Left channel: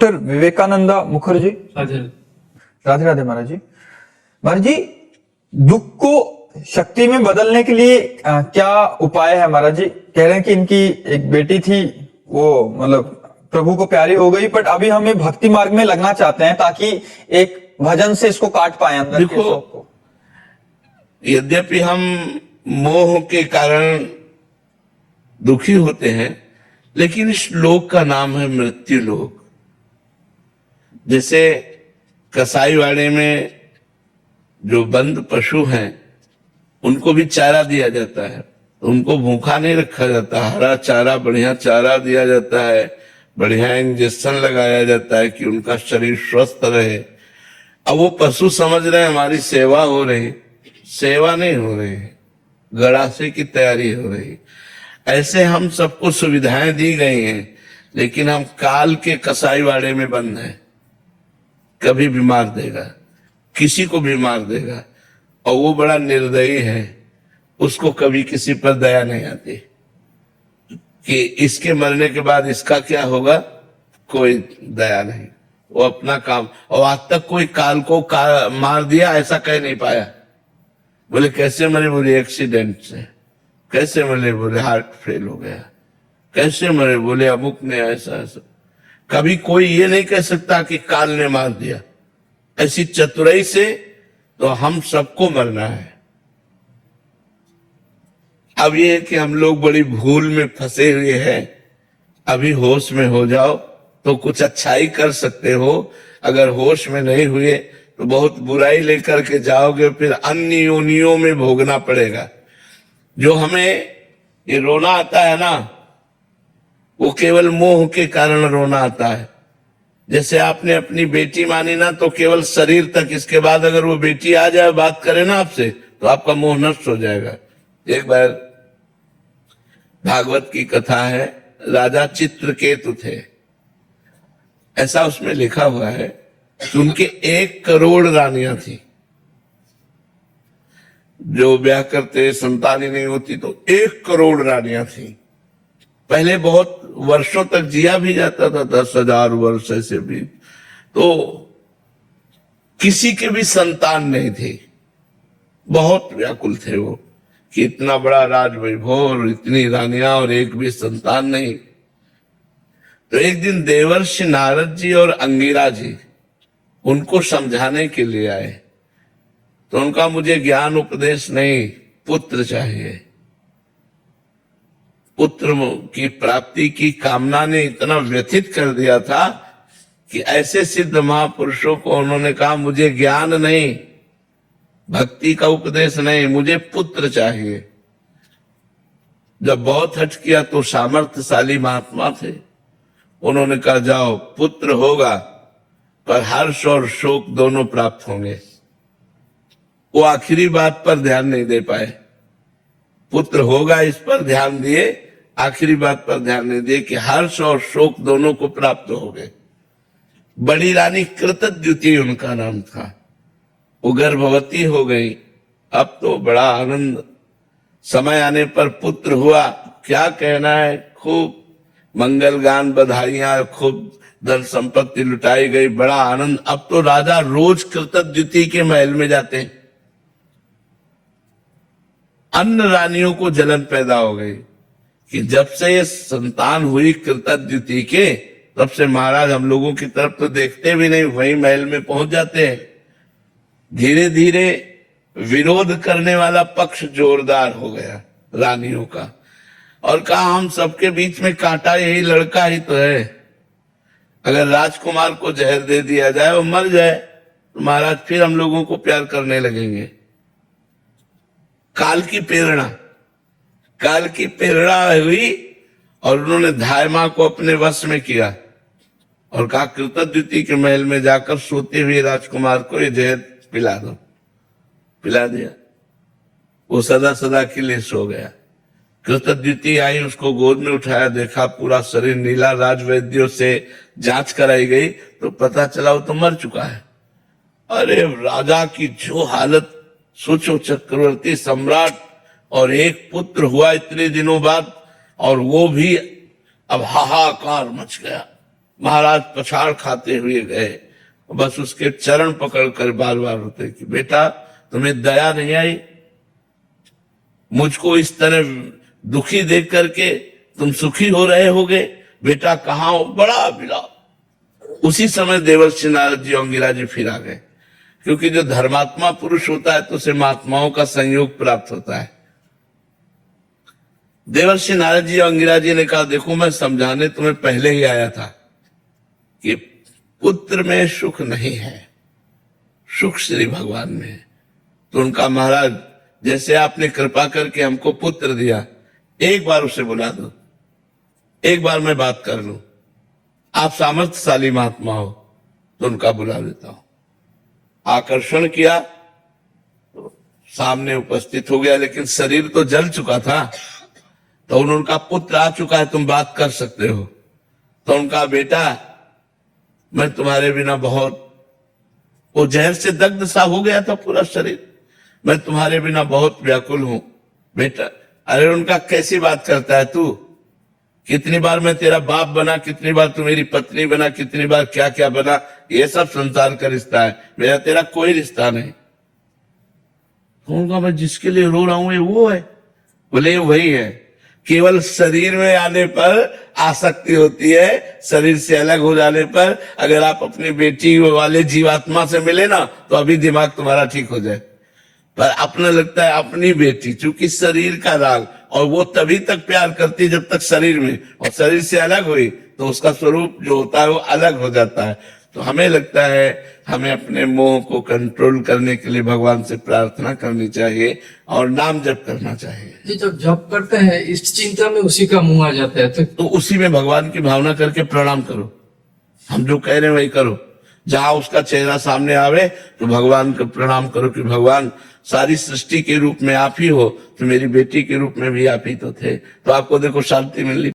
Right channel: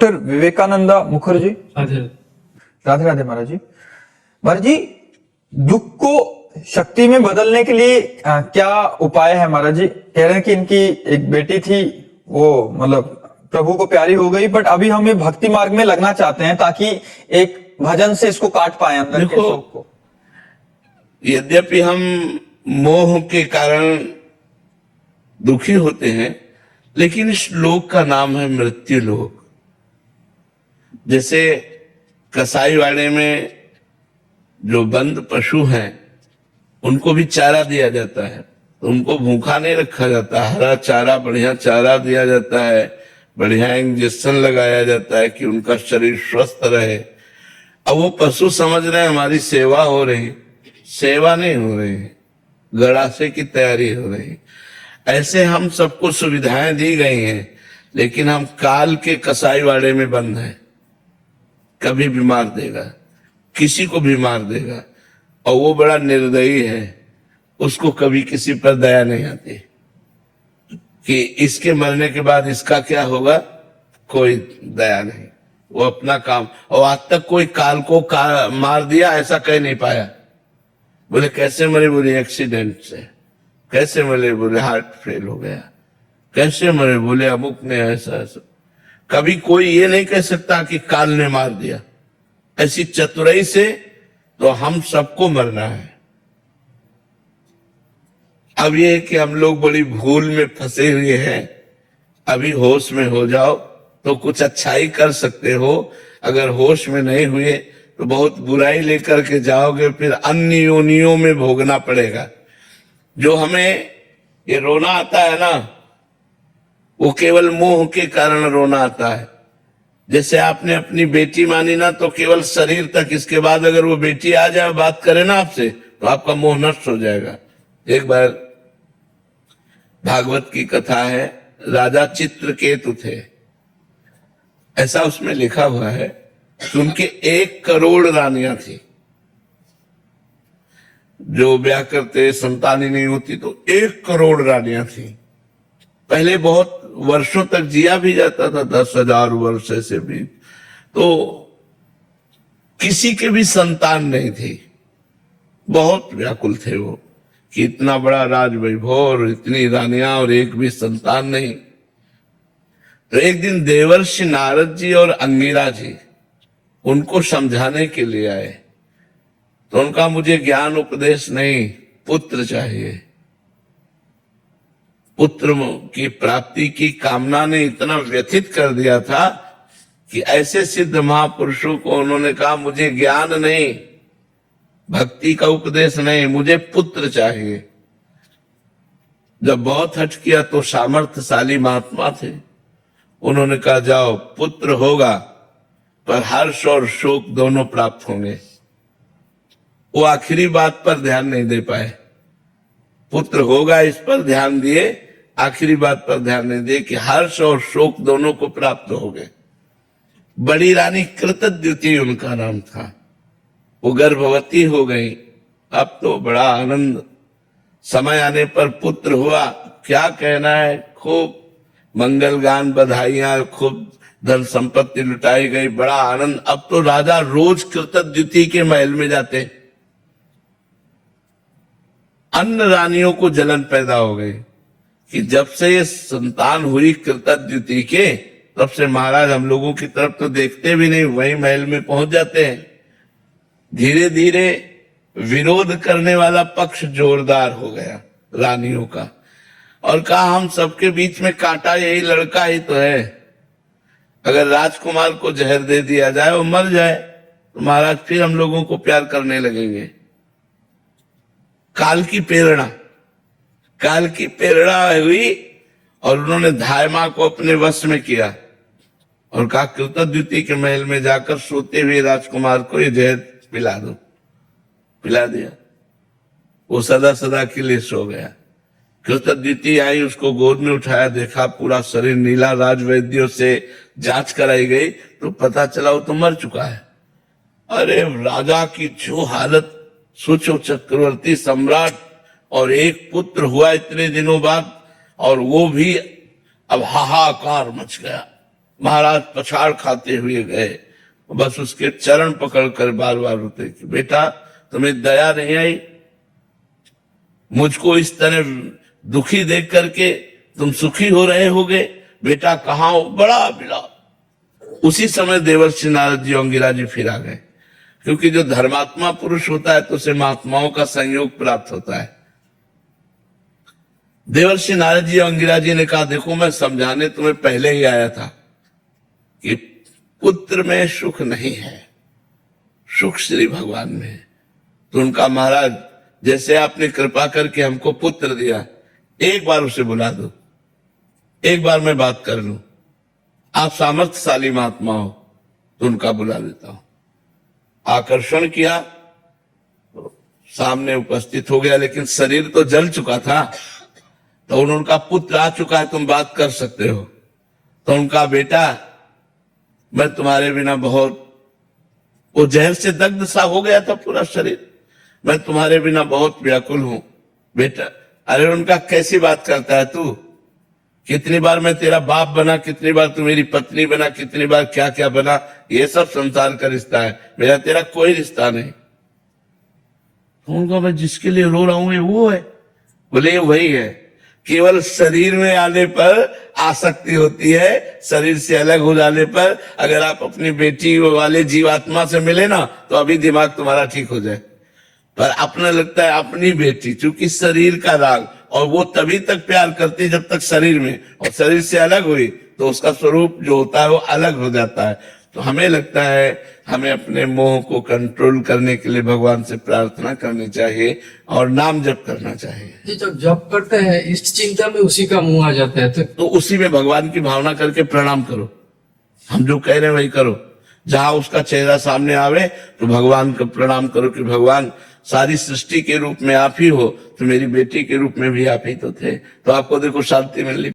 Doctor Vivekananda Mukherjee. Radhe Radhe महाराज जी। महाराज जी, दुख को शक्ति में बदलने के लिए क्या उपाय है? महाराज जी कह रहे हैं कि इनकी एक बेटी थी, वो मतलब प्रभु को प्यारी हो गई, बट अभी हमें भक्ति मार्ग में लगना चाहते हैं ताकि एक भजन से इसको काट पाए अंदर के शौक को। यद्यपि हम मोह के कारण दुखी होते हैं, लेकिन इस लोक का नाम है मृत्यु लोक। जैसे कसाईवाड़े में जो बंद पशु हैं उनको भी चारा दिया जाता है, तो उनको भूखा नहीं रखा जाता, हरा चारा, बढ़िया चारा दिया जाता है, बढ़िया इंजेक्शन लगाया जाता है कि उनका शरीर स्वस्थ रहे। अब वो पशु समझ रहे हैं हमारी सेवा हो रही, सेवा नहीं हो रही, गड़ासे की तैयारी हो रही। ऐसे हम सबको सुविधाएं दी गई हैं, लेकिन हम काल के कसाईवाड़े में बंद हैं। कभी भी मार देगा, किसी को भी मार देगा, और वो बड़ा निर्दयी है, उसको कभी किसी पर दया नहीं आती कि इसके मरने के बाद इसका क्या होगा, कोई दया नहीं। वो अपना काम, और आज तक कोई काल को मार दिया ऐसा कह नहीं पाया। बोले कैसे मरे? बोले एक्सीडेंट से। कैसे मरे? बोले हार्ट फेल हो गया। कैसे मरे? बोले अमुक ने ऐसा ऐसा। कभी कोई ये नहीं कह सकता कि काल ने मार दिया। ऐसी चतुराई से तो हम सबको मरना है। अब ये है कि हम लोग बड़ी भूल में फंसे हुए हैं। अभी होश में हो जाओ तो कुछ अच्छाई कर सकते हो, अगर होश में नहीं हुए तो बहुत बुराई लेकर के जाओगे, फिर अन्य योनियों में भोगना पड़ेगा। जो हमें ये रोना आता है ना, वो केवल मोह के कारण रोना आता है। जैसे आपने अपनी बेटी मानी ना, तो केवल शरीर तक, इसके बाद अगर वो बेटी आ जाए बात करे ना आपसे, तो आपका मोह नष्ट हो जाएगा। एक बार भागवत की कथा है, राजा चित्रकेतु थे। ऐसा उसमें लिखा हुआ है कि उनके 1 करोड़ रानियां थी। जो ब्याह करते संतान ही नहीं होती तो 1 करोड़ रानियां थी। पहले बहुत वर्षों तक जिया भी जाता था, 10,000 वर्ष ऐसे भी, तो किसी के भी संतान नहीं थी। बहुत व्याकुल थे वो कि इतना बड़ा राज वैभव और इतनी रानियां और एक भी संतान नहीं। तो एक दिन देवर्षि नारद जी और अंगिरा जी उनको समझाने के लिए आए। तो उनका मुझे ज्ञान उपदेश नहीं, पुत्र चाहिए। पुत्र की प्राप्ति की कामना ने इतना व्यथित कर दिया था कि ऐसे सिद्ध महापुरुषों को उन्होंने कहा मुझे ज्ञान नहीं, भक्ति का उपदेश नहीं, मुझे पुत्र चाहिए। जब बहुत हट किया तो सामर्थ्यशाली महात्मा थे, उन्होंने कहा जाओ पुत्र होगा, पर हर्ष और शोक दोनों प्राप्त होंगे। वो आखिरी बात पर ध्यान नहीं दे पाए। पुत्र होगा इस पर ध्यान दिए, आखिरी बात पर ध्यान नहीं दिए कि हर्ष और शोक दोनों को प्राप्त हो गए। बड़ी रानी कृतद्युति उनका नाम था। वो गर्भवती हो गई। अब तो बड़ा आनंद, समय आने पर पुत्र हुआ, क्या कहना है, खूब मंगल गान, बधाइयां, खूब धन संपत्ति लुटाई गई, बड़ा आनंद। अब तो राजा रोज कृतद्युति के महल में जाते। अन्य रानियों को जलन पैदा हो गई कि जब से ये संतान हुई कृतद्युति के, तब से महाराज हम लोगों की तरफ तो देखते भी नहीं, वही महल में पहुंच जाते हैं। धीरे धीरे विरोध करने वाला पक्ष जोरदार हो गया रानियों का, और कहा हम सबके बीच में कांटा यही लड़का ही तो है। अगर राजकुमार को जहर दे दिया जाए, वो मर जाए, तो महाराज फिर हम लोगों को प्यार करने लगेंगे। काल की प्रेरणा हुई और उन्होंने धायमा को अपने वश में किया और कहा कृतद्युति के महल में जाकर सोते हुए राजकुमार को ये जहर पिला दो। पिला दिया, वो सदा सदा के लिए सो गया। कृतद्युति आई, उसको गोद में उठाया, देखा पूरा शरीर नीला, राजवैद्यों से जांच कराई गई तो पता चला वो तो मर चुका है। अरे राजा की जो हालत, सोचो चक्रवर्ती सम्राट, और एक पुत्र हुआ इतने दिनों बाद, और वो भी अब हाहाकार मच गया। महाराज पछाड़ खाते हुए गए, बस उसके चरण पकड़कर बार बार रोते कि बेटा तुम्हें दया नहीं आई, मुझको इस तरह दुखी देख करके तुम सुखी हो रहे होगे, बेटा कहाँ हो, बड़ा बिला। उसी समय देवर्षि नारद जी अंगिरा जी फिर आ गए, क्योंकि जो धर्मात्मा पुरुष होता है तो उसे महात्माओं का संयोग प्राप्त होता है। देवर्षि नारद जी अंगिरा जी ने कहा देखो मैं समझाने तुम्हें पहले ही आया था कि पुत्र में सुख नहीं है, सुख श्री भगवान में है। तो उनका महाराज जैसे आपने कृपा करके हमको पुत्र दिया, एक बार उसे बुला दो, एक बार मैं बात कर लूं, आप सामर्थ्यशाली महात्मा हो, तो उनका बुला देता हूं। आकर्षण किया तो सामने उपस्थित हो गया, लेकिन शरीर तो जल चुका था। तो उनका पुत्र आ चुका है, तुम बात कर सकते हो। तो उनका बेटा मैं तुम्हारे बिना बहुत, वो जहर से दग्ध सा हो गया था पूरा शरीर, मैं तुम्हारे बिना बहुत व्याकुल हूं बेटा। अरे उनका कैसी बात करता है तू, कितनी बार मैं तेरा बाप बना, कितनी बार तू मेरी पत्नी बना, कितनी बार क्या क्या बना, ये सब संसार का रिश्ता है, मेरा तेरा कोई रिश्ता नहीं। उनका मैं जिसके लिए रो रहा हूं ये वो है, बोले ये वही है, केवल शरीर में आने पर आसक्ति होती है, शरीर से अलग हो जाने पर अगर आप अपनी बेटी वाले जीवात्मा से मिले ना तो अभी दिमाग तुम्हारा ठीक हो जाए। पर अपना लगता है अपनी बेटी, चूंकि शरीर का राग, और वो तभी तक प्यार करती है जब तक शरीर में, और शरीर से अलग हुई तो उसका स्वरूप जो होता है वो अलग हो जाता है। तो हमें लगता है हमें अपने मोह को कंट्रोल करने के लिए भगवान से प्रार्थना करनी चाहिए और नाम जप करना चाहिए। जी जब जप करते हैं इष्ट चिंता में उसी का मुंह आ जाता है, तो उसी में भगवान की भावना करके प्रणाम करो, हम जो कह रहे हैं वही करो। जहां उसका चेहरा सामने आवे तो भगवान का प्रणाम करो कि भगवान सारी सृष्टि के रूप में आप ही हो, तो मेरी बेटी के रूप में भी आप ही तो थे, तो आपको देखो शांति मिलनी।